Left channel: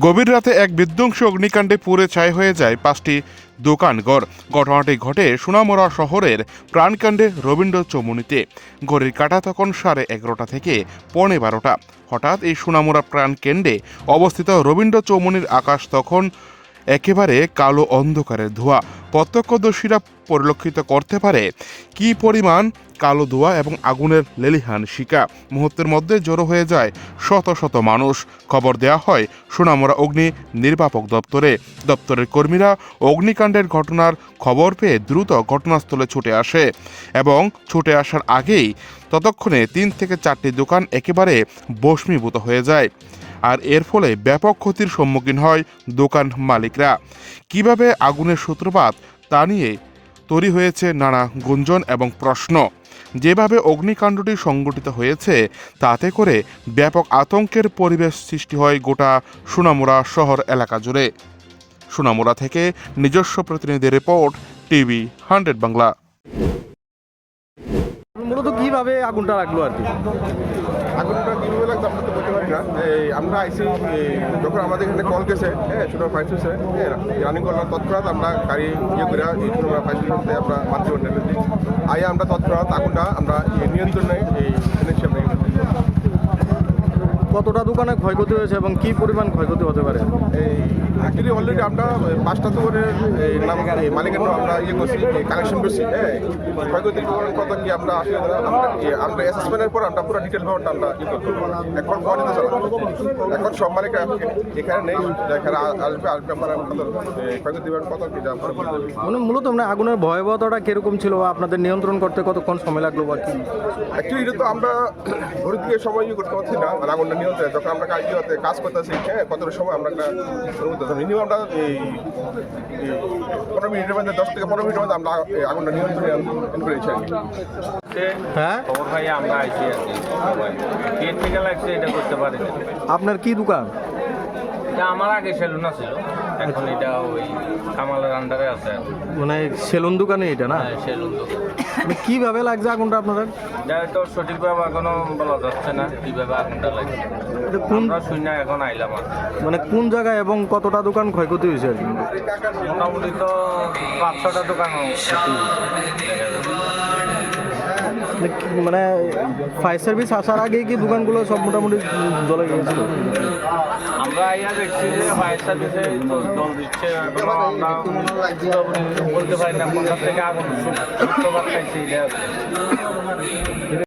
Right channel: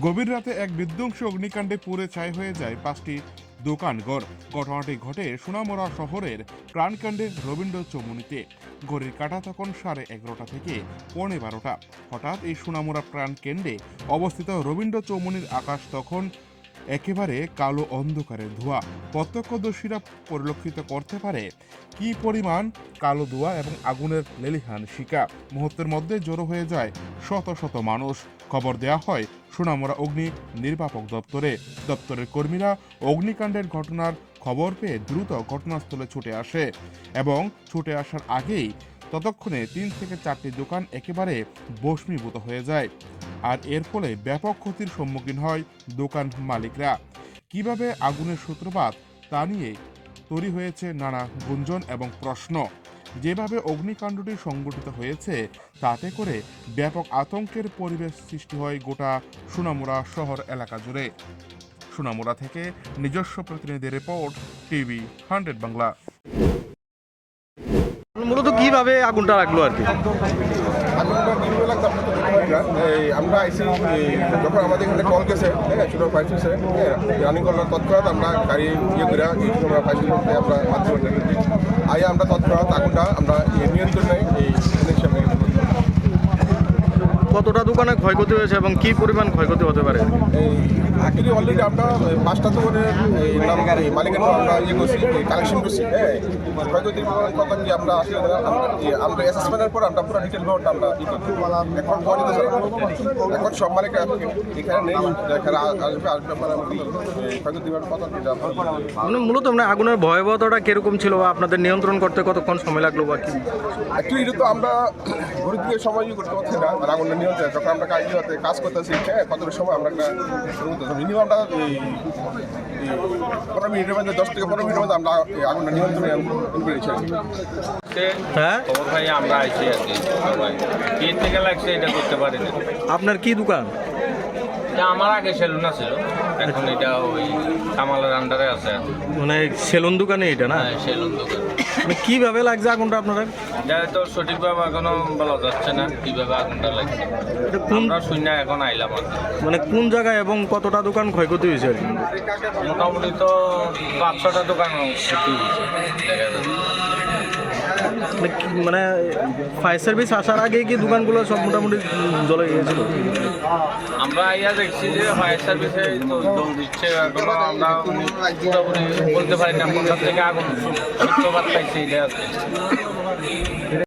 গভীর রাতে এক বিধ্বংসী অগ্নিকাণ্ডে পুড়ে ছাই হয়ে যায় 5টি দোকানঘর। ঘটনাটি ঘটে সোনামুড়া শহরের প্রাণকাণ্ডে রবীন্দ্র চৌমুহনীতে। ঘড়ির কাঁটা তখন 11:30 থেকে 12:15। হঠাৎ এই সোনামুড়া প্রাণকেন্দ্রে অবস্থিত রবীন্দ্র চৌমুহনীর আকাশ তখন একেবারে কালো অন্ধকারের ধোঁয়া। প্রত্যক্ষদর্শীরা পরিলক্ষিত করতে পারে কি পরিমাণ কালো ধোঁয়া এবং আগুনের লেলিহান শিকা। মুহূর্তের মধ্যে জড়ো হয়ে যায় শত শত মানুষ। খবর দেওয়া হয় সোনামুড়া অগ্নি নির্বাপক দপ্তরের কর্মীরা অগ্নিকাণ্ডের ঘটনার খবর পেয়ে দ্রুত ঘটনাস্থলে ছুটে আসে এবং ছুটে আসার আগেই ততক্ষণে 3 থেকে 4টি দোকান একেবারে ভস্মীভূত হয়ে যায়। আর এর ফলে ব্যাপক ক্ষতির সম্মুখীন হয় দোকান মালিকরা। কিভাবে আগুনের সূত্রপাত তা নিয়ে তৈরি হয়েছে নানা গুঞ্জন এবং প্রশ্ন। যেভাবে অগ্নিকাণ্ডটি সংঘটিত হয়েছে তাতে করে ব্যাপক আতঙ্কের পরিবেশ সৃষ্টি হয় গোটা সোনামুড়া শহর এলাকা জুড়ে। সোনামুড়া থেকে নিজস্ব প্রতিনিধি রিপোর্ট, টিভি 100 বাংলা। মূলত কিভাবে আগুনটা লাগলো আর কি? আগুনটা কীভাবে লাগতো আমরা তো বলতে পারি না। আমরা আইসি যখন আমাদের এখানে কল গেছে, হ্যাঁ, ছোটো ফায়ার স্টেশন রানিং করলাম, তৎক্ষণাৎ আমরা গাড়ি করে এই সময় ফায়ার স্টেশনতে আমরা মাতৃবন্ধ দিই। আইয়া আমরা তৎক্ষণাৎ আগুনটা আমরা নিয়ন্ত্রণে এই হিসাবে। কতটা দোকানে ক্ষয়ক্ষতি হয়েছে এবং কি পরিমাণ ক্ষয়ক্ষতি হতে পারে? এই অ্যাকচুয়ালি অলরেডি আমরা 5টা দোকানের নাম মালিকের নাম আমরা করছি, কালেকশন করছি। হ্যাঁ, ক্ষয়ক্ষতির কথা কি আমরা আসলে আমরা অ্যাসেসমেন্টের পর আমরা পুরো ডিটেল ব্যাপারটা আমরা করতে এখন পৌঁছতে চালাম। এখন সব মালিক এখানে নেই, এখানে আসবে আমরা ক্ষয়ক্ষতির কথা কি আমরা বলতে পারি। মানে মূলত মানে আগুনের ভয়াবহতাটা কিরকম ছিল বা আপনাদের নিয়ন্ত্রণ করতে কতক্ষণ সময় লাগলো বা কি? অ্যাকচুয়ালি এটা তো আমরা ঘড়ি দিয়ে সময় করতে পারছি না। আর আগুনটা নিয়ন্ত্রণে যখন আমরা কাজ করতেছি, হ্যাঁ, কতটা সময় আমরা একটা মিনিমাম আমরা এই 15 মিনিটের মধ্যে 10 থেকে 15 মিনিটের মধ্যে আমরা আগুনটা নিয়ন্ত্রণে করেছি আর কি। হ্যাঁ, খবর ভাই আমরা আইছি আর কি, সবাই কে থেকে লাগছে এটা করতে পারি না। আপনার কি দোকান? এটা আমার আগে সেলুন ছিল, এখন এটা ওই কামালের আন্ডারে আছে আর কি। মানে সেলুন দোকানে এটা না? হ্যাঁ, সেলুন দোকান। মানে কিভাবে লাগছে আগুনটা আপনাদের? এটা তো সঠিকভাবে এখনো বলা যাচ্ছে না কিভাবে আগুনটা লাগছে। এটা কোন আমরা শূন্য এখন আইলাম আর কি। মানে কোন জায়গায় এবং কতটা দোকান ক্ষয়ক্ষতি হয়েছে আর কি? মোটামুটি তো 5-6টা দোকান ক্ষতি হয়েছে দেখা যাচ্ছে। মানে ফায়ার সার্ভিস আসার আগে কি দোকানগুলো সব মোটামুটি জ্বলে গিয়েছিল? আমরা আইয়া দেখছি যে ফায়ার সার্ভিসে তো জল দিচ্ছে, এখনো আমরা পুরোপুরি বলতে পারি না কোনটার থেকে আগুন সূত্রপাত পাইছে এটা আছে।